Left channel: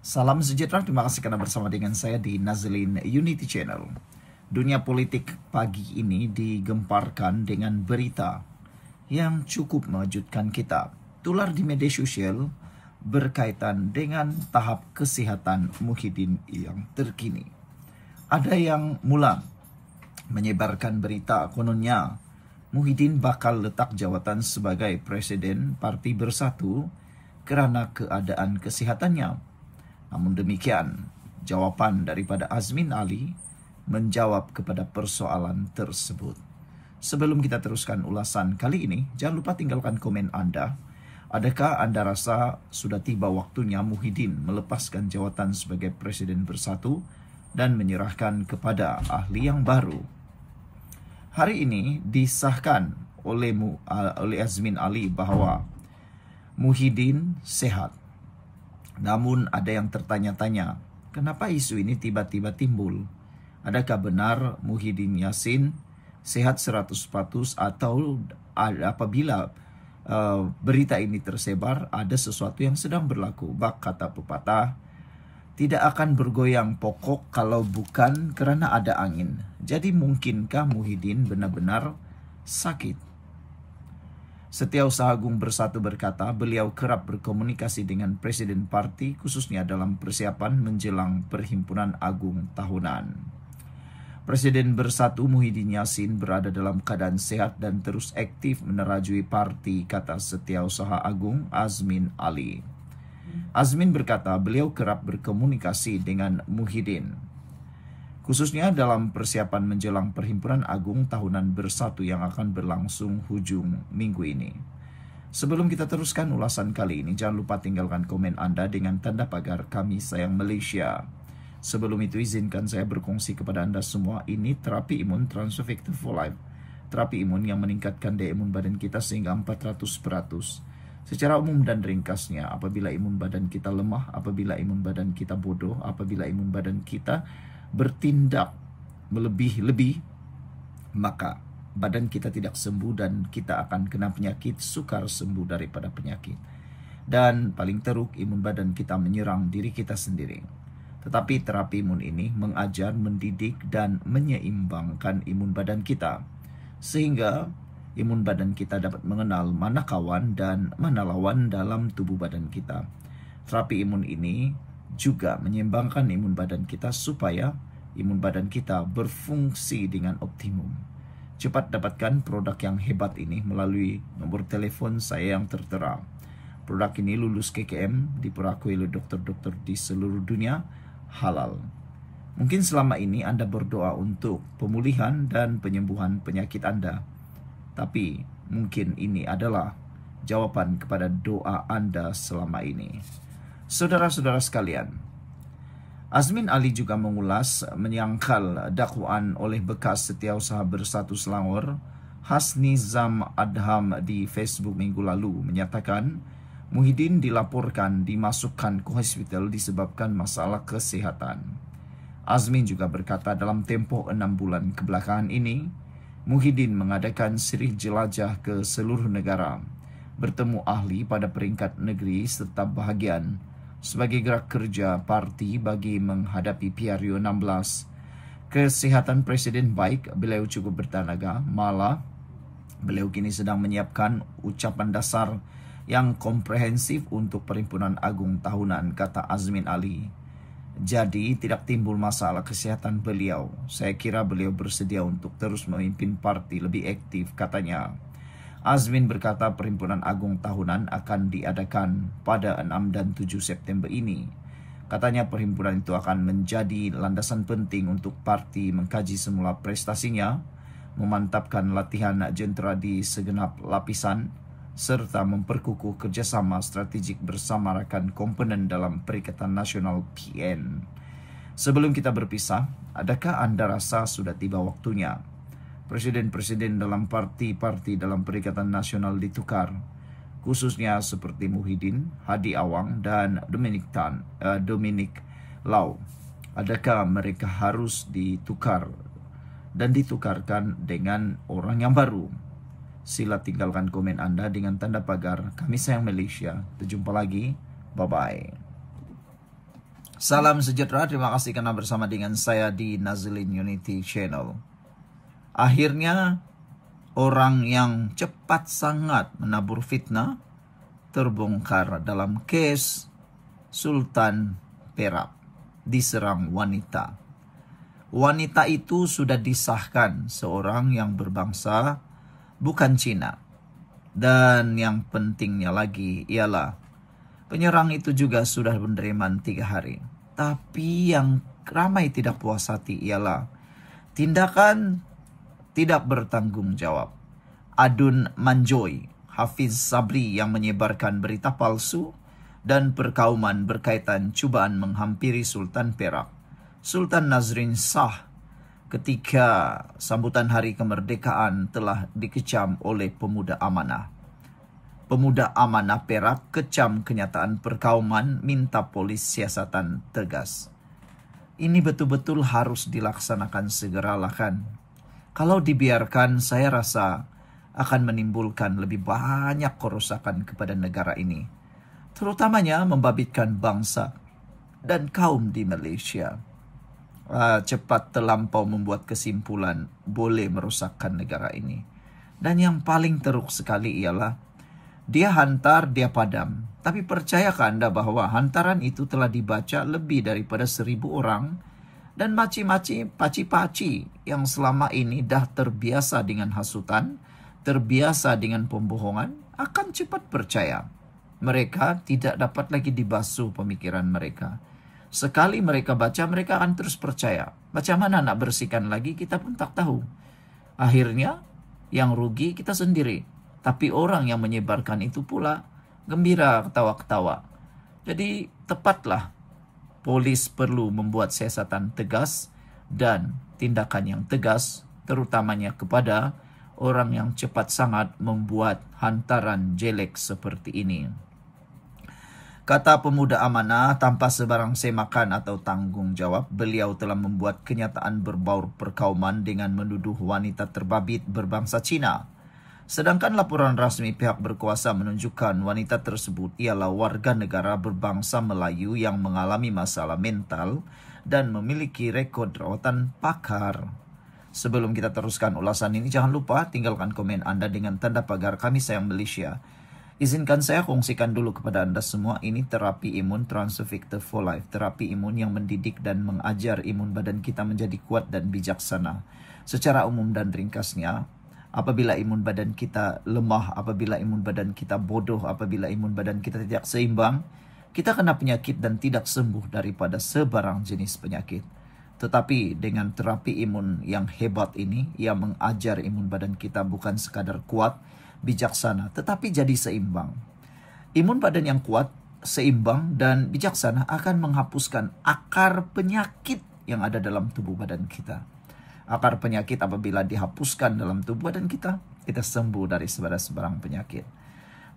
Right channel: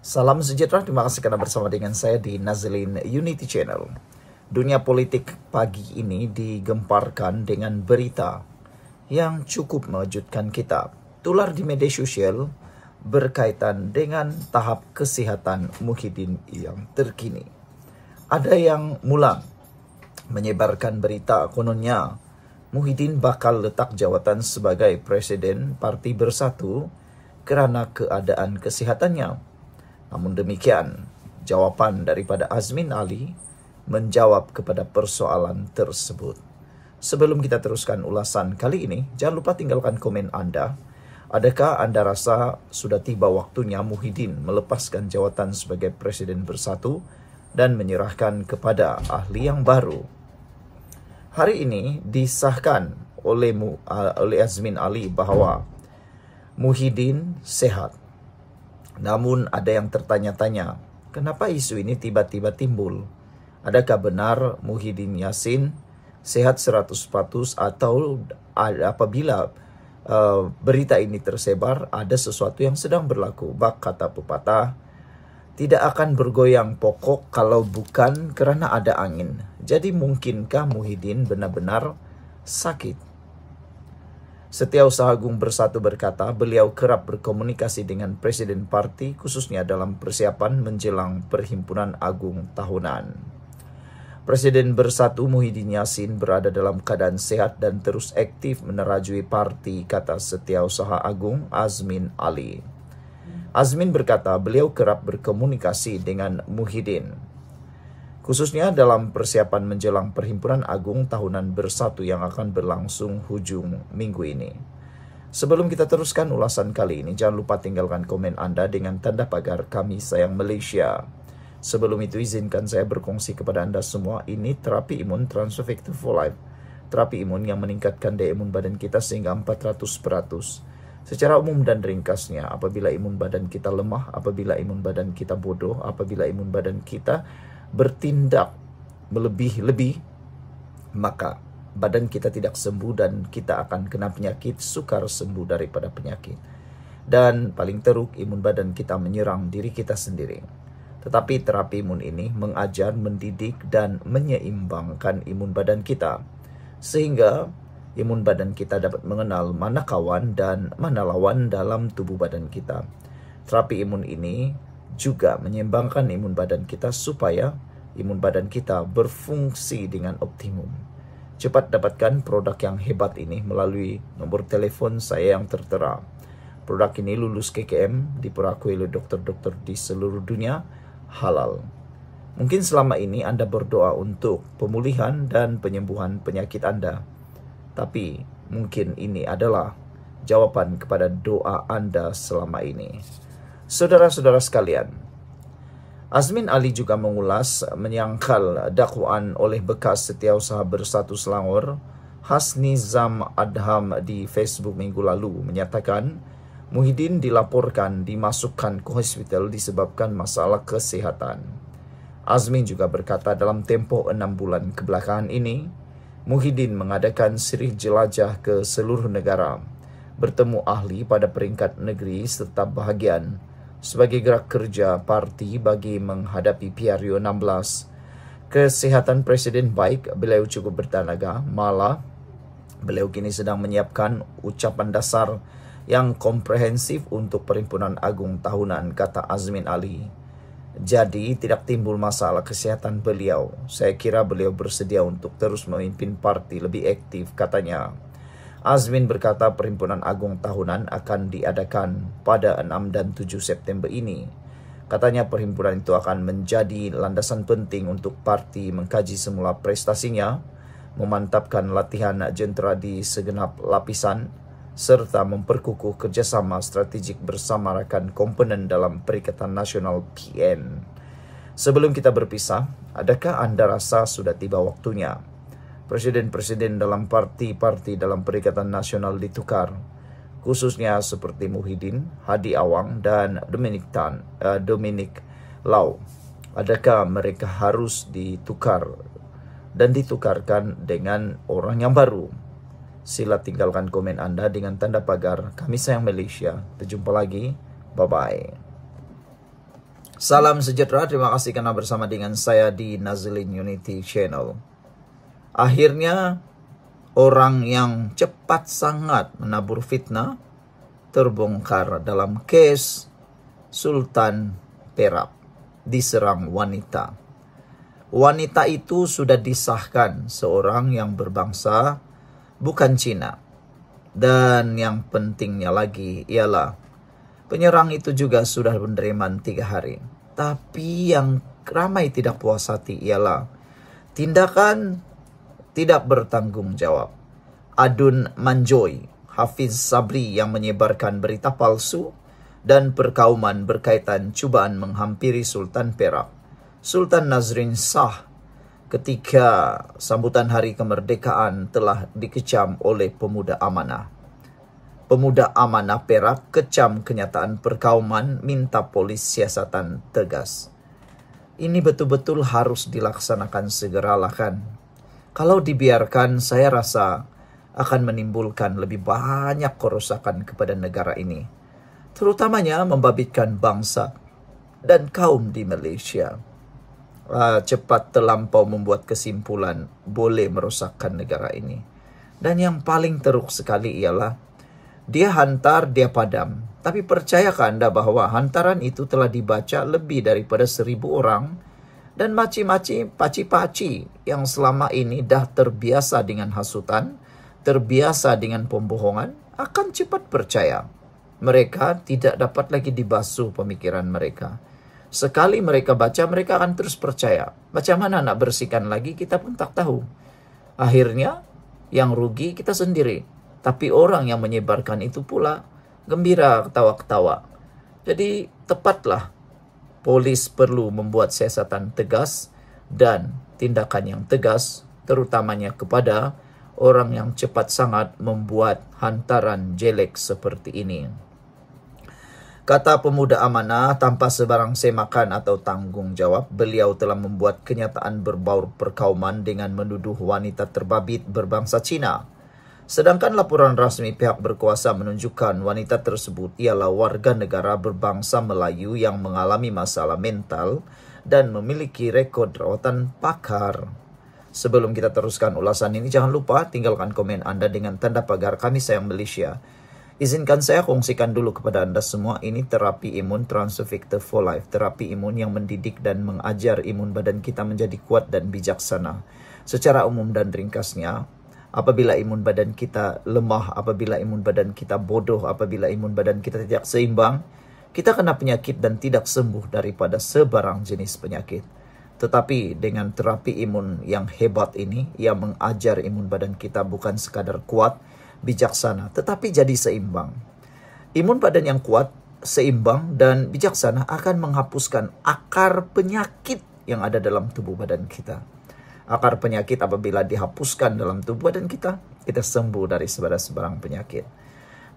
Salam sejahtera, terima kasih karena bersama dengan saya di Nazlin Unity Channel. Dunia politik pagi ini digemparkan dengan berita yang cukup mengejutkan kita. Tular di media sosial berkaitan dengan tahap kesehatan Muhyiddin yang terkini. Ada yang mulang menyebarkan berita kononnya Muhyiddin bakal letak jawatan sebagai Presiden Parti Bersatu karena keadaan kesehatannya. Namun demikian, jawaban daripada Azmin Ali menjawab kepada persoalan tersebut. Sebelum kita teruskan ulasan kali ini, jangan lupa tinggalkan komen Anda. Adakah Anda rasa sudah tiba waktunya Muhyiddin melepaskan jawatan sebagai Presiden Bersatu dan menyerahkan kepada ahli yang baru? Hari ini disahkan oleh Azmin Ali bahwa Muhyiddin sehat. Namun ada yang tertanya-tanya, kenapa isu ini tiba-tiba timbul? Adakah benar Muhyiddin Yassin sehat 100% atau apabila berita ini tersebar ada sesuatu yang sedang berlaku? Bak kata pepatah, tidak akan bergoyang pokok kalau bukan karena ada angin. Jadi mungkinkah Muhyiddin benar-benar sakit? Setiausaha Agung Bersatu berkata beliau kerap berkomunikasi dengan Presiden Parti khususnya dalam persiapan menjelang Perhimpunan Agung tahunan. Presiden Bersatu Muhyiddin Yassin berada dalam keadaan sehat dan terus aktif menerajui parti, kata Setiausaha Agung Azmin Ali. Azmin berkata beliau kerap berkomunikasi dengan Muhyiddin, khususnya dalam persiapan menjelang Perhimpunan Agung Tahunan Bersatu yang akan berlangsung hujung minggu ini. Sebelum kita teruskan ulasan kali ini, jangan lupa tinggalkan komen Anda dengan tanda pagar Kami Sayang Malaysia. Sebelum itu izinkan saya berkongsi kepada Anda semua, ini terapi imun Transfective for Life. Terapi imun yang meningkatkan daya imun badan kita sehingga 400%. Secara umum dan ringkasnya, apabila imun badan kita lemah, apabila imun badan kita bodoh, apabila imun badan kita bertindak melebih-lebih, maka badan kita tidak sembuh dan kita akan kena penyakit, sukar sembuh daripada penyakit. Dan paling teruk, imun badan kita menyerang diri kita sendiri. Tetapi terapi imun ini mengajar, mendidik, dan menyeimbangkan imun badan kita, sehingga imun badan kita dapat mengenal mana kawan dan mana lawan dalam tubuh badan kita. Terapi imun ini juga menyeimbangkan imun badan kita supaya imun badan kita berfungsi dengan optimum. Cepat dapatkan produk yang hebat ini melalui nomor telepon saya yang tertera. Produk ini lulus KKM, diperakui oleh dokter-dokter di seluruh dunia, halal. Mungkin selama ini Anda berdoa untuk pemulihan dan penyembuhan penyakit Anda, tapi mungkin ini adalah jawaban kepada doa Anda selama ini. Saudara-saudara sekalian, Azmin Ali juga mengulas menyangkal dakwaan oleh bekas Setiausaha Bersatu Selangor, Hasni Zam Adham di Facebook minggu lalu menyatakan Muhyiddin dilaporkan dimasukkan ke hospital disebabkan masalah kesehatan. Azmin juga berkata dalam tempoh 6 bulan kebelakangan ini, Muhyiddin mengadakan siri jelajah ke seluruh negara, bertemu ahli pada peringkat negeri serta bahagian sebagai gerak kerja parti bagi menghadapi PRU 16. Kesehatan Presiden baik, beliau cukup bertenaga, malah beliau kini sedang menyiapkan ucapan dasar yang komprehensif untuk Perhimpunan Agung Tahunan, kata Azmin Ali. Jadi tidak timbul masalah kesehatan beliau. Saya kira beliau bersedia untuk terus memimpin parti lebih aktif, katanya. Azmin berkata Perhimpunan Agung Tahunan akan diadakan pada 6 dan 7 September ini. Katanya perhimpunan itu akan menjadi landasan penting untuk parti mengkaji semula prestasinya, memantapkan latihan jentera di segenap lapisan, serta memperkukuh kerjasama strategik bersama rekan komponen dalam Perikatan Nasional PN. Sebelum kita berpisah, adakah Anda rasa sudah tiba waktunya presiden-presiden dalam parti-parti dalam Perikatan Nasional ditukar, khususnya seperti Muhyiddin, Hadi Awang, dan Dominic Lau? Adakah mereka harus ditukar dan ditukarkan dengan orang yang baru? Sila tinggalkan komen Anda dengan tanda pagar Kami Sayang Malaysia. Terjumpa lagi. Bye-bye. Salam sejahtera, terima kasih karena bersama dengan saya di Nazlin Unity Channel. Akhirnya, orang yang cepat sangat menabur fitnah terbongkar dalam kes Sultan Perak diserang wanita. Wanita itu sudah disahkan seorang yang berbangsa bukan Cina. Dan yang pentingnya lagi ialah penyerang itu juga sudah penerimaan 3 hari. Tapi yang ramai tidak puas hati ialah tindakan tidak bertanggung jawab Adun Manjoy, Hafiz Sabri yang menyebarkan berita palsu dan perkauman berkaitan cubaan menghampiri Sultan Perak, Sultan Nazrin Shah, ketika sambutan hari kemerdekaan telah dikecam oleh pemuda amanah. Pemuda amanah Perak kecam kenyataan perkauman, minta polis siasatan tegas. Ini betul-betul harus dilaksanakan segeralah kan. Kalau dibiarkan, saya rasa akan menimbulkan lebih banyak kerusakan kepada negara ini. Terutamanya membabitkan bangsa dan kaum di Malaysia. Cepat terlampau membuat kesimpulan boleh merosakkan negara ini. Dan yang paling teruk sekali ialah dia hantar, dia padam. Tapi percayakah Anda bahwa hantaran itu telah dibaca lebih daripada 1.000 orang dan maci-maci, paci-paci yang selama ini dah terbiasa dengan hasutan, terbiasa dengan pembohongan, akan cepat percaya. Mereka tidak dapat lagi dibasuh pemikiran mereka. Sekali mereka baca, mereka akan terus percaya. Macam mana nak bersihkan lagi, kita pun tak tahu. Akhirnya, yang rugi kita sendiri. Tapi orang yang menyebarkan itu pula gembira ketawa-ketawa. Jadi tepatlah polis perlu membuat siasatan tegas dan tindakan yang tegas, terutamanya kepada orang yang cepat sangat membuat hantaran jelek seperti ini. Kata pemuda amanah, tanpa sebarang semakan atau tanggung jawab, beliau telah membuat kenyataan berbau perkauman dengan menuduh wanita terbabit berbangsa Cina. Sedangkan laporan rasmi pihak berkuasa menunjukkan wanita tersebut ialah warga negara berbangsa Melayu yang mengalami masalah mental dan memiliki rekod rawatan pakar. Sebelum kita teruskan ulasan ini, jangan lupa tinggalkan komen Anda dengan tanda pagar Kami Sayang Malaysia. Izinkan saya kongsikan dulu kepada Anda semua, ini terapi imun Transovictor for Life. Terapi imun yang mendidik dan mengajar imun badan kita menjadi kuat dan bijaksana. Secara umum dan ringkasnya, apabila imun badan kita lemah, apabila imun badan kita bodoh, apabila imun badan kita tidak seimbang, kita kena penyakit dan tidak sembuh daripada sebarang jenis penyakit. Tetapi dengan terapi imun yang hebat ini, yang mengajar imun badan kita bukan sekadar kuat, bijaksana, tetapi jadi seimbang. Imun badan yang kuat, seimbang, dan bijaksana akan menghapuskan akar penyakit yang ada dalam tubuh badan kita. Akar penyakit apabila dihapuskan dalam tubuh badan kita sembuh dari sebarang penyakit.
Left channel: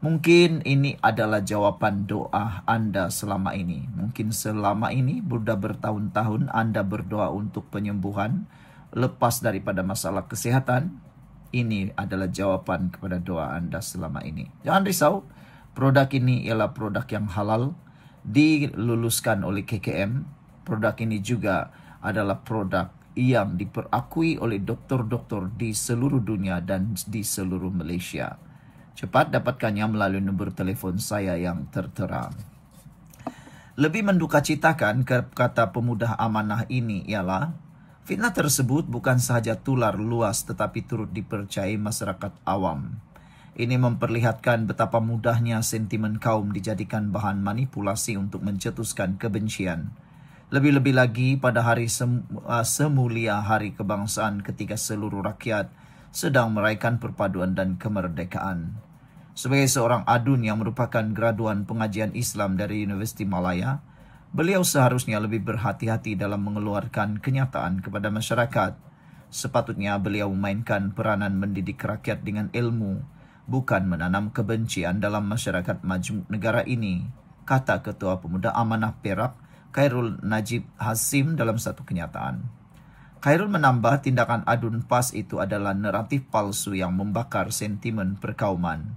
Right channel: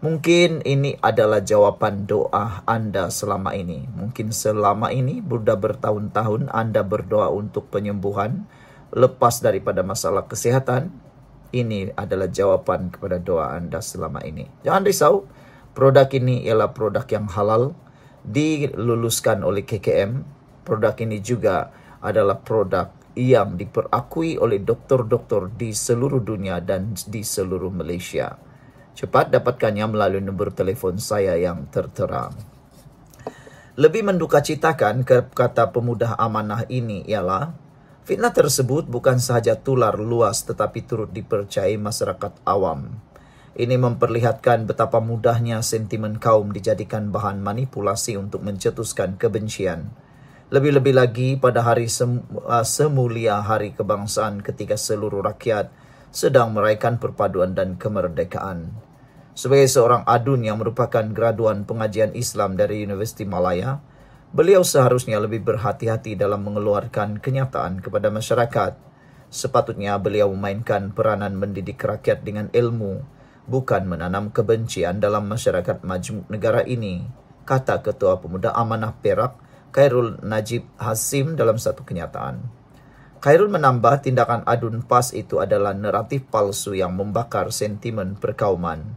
Mungkin ini adalah jawaban doa Anda selama ini. Mungkin selama ini, sudah bertahun-tahun Anda berdoa untuk penyembuhan, lepas daripada masalah kesehatan. Ini adalah jawaban kepada doa Anda selama ini. Jangan risau, produk ini ialah produk yang halal, diluluskan oleh KKM. Produk ini juga adalah produk yang diperakui oleh doktor-doktor di seluruh dunia dan di seluruh Malaysia. Cepat dapatkannya melalui nombor telefon saya yang tertera. Lebih mendukacitakan, kata pemuda amanah ini ialah, fitnah tersebut bukan sahaja tular luas tetapi turut dipercayai masyarakat awam. Ini memperlihatkan betapa mudahnya sentimen kaum dijadikan bahan manipulasi untuk mencetuskan kebencian. Lebih-lebih lagi pada hari semulia Hari Kebangsaan ketika seluruh rakyat sedang merayakan perpaduan dan kemerdekaan. Sebagai seorang adun yang merupakan graduan pengajian Islam dari Universiti Malaya, beliau seharusnya lebih berhati-hati dalam mengeluarkan kenyataan kepada masyarakat. Sepatutnya beliau memainkan peranan mendidik rakyat dengan ilmu, bukan menanam kebencian dalam masyarakat majmuk negara ini, kata Ketua Pemuda Amanah Perak, Khairul Najib Hasim dalam satu kenyataan. Khairul menambah tindakan adun PAS itu adalah naratif palsu yang membakar sentimen perkauman.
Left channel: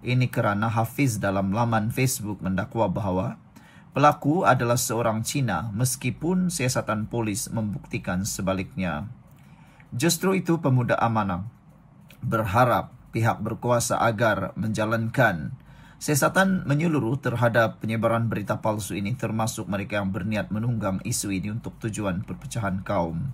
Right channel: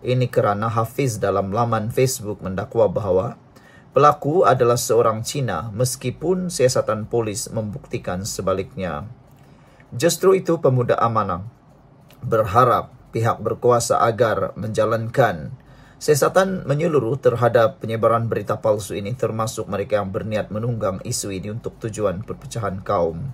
Ini kerana Hafiz dalam laman Facebook mendakwa bahawa Pelaku adalah seorang Cina meskipun siasatan polis membuktikan sebaliknya. Justru itu pemuda amanah berharap pihak berkuasa agar menjalankan siasatan menyeluruh terhadap penyebaran berita palsu ini, termasuk mereka yang berniat menunggang isu ini untuk tujuan perpecahan kaum.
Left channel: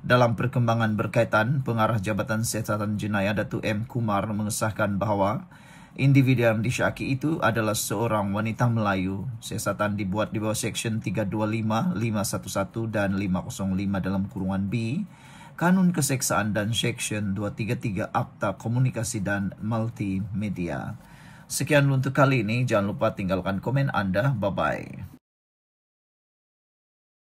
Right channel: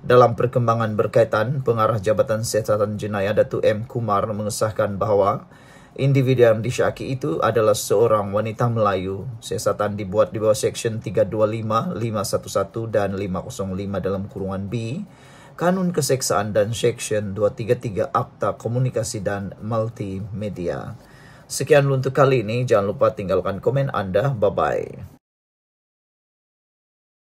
Dalam perkembangan berkaitan, Pengarah Jabatan Siasatan Jenayah Datuk M. Kumar mengesahkan bahawa individu yang disyaki itu adalah seorang wanita Melayu. Siasatan dibuat di bawah Seksyen 325, 511 dan 505 dalam kurungan B, Kanun Keseksaan dan Seksyen 233 Akta Komunikasi dan Multimedia. Sekian untuk kali ini. Jangan lupa tinggalkan komen Anda. Bye-bye.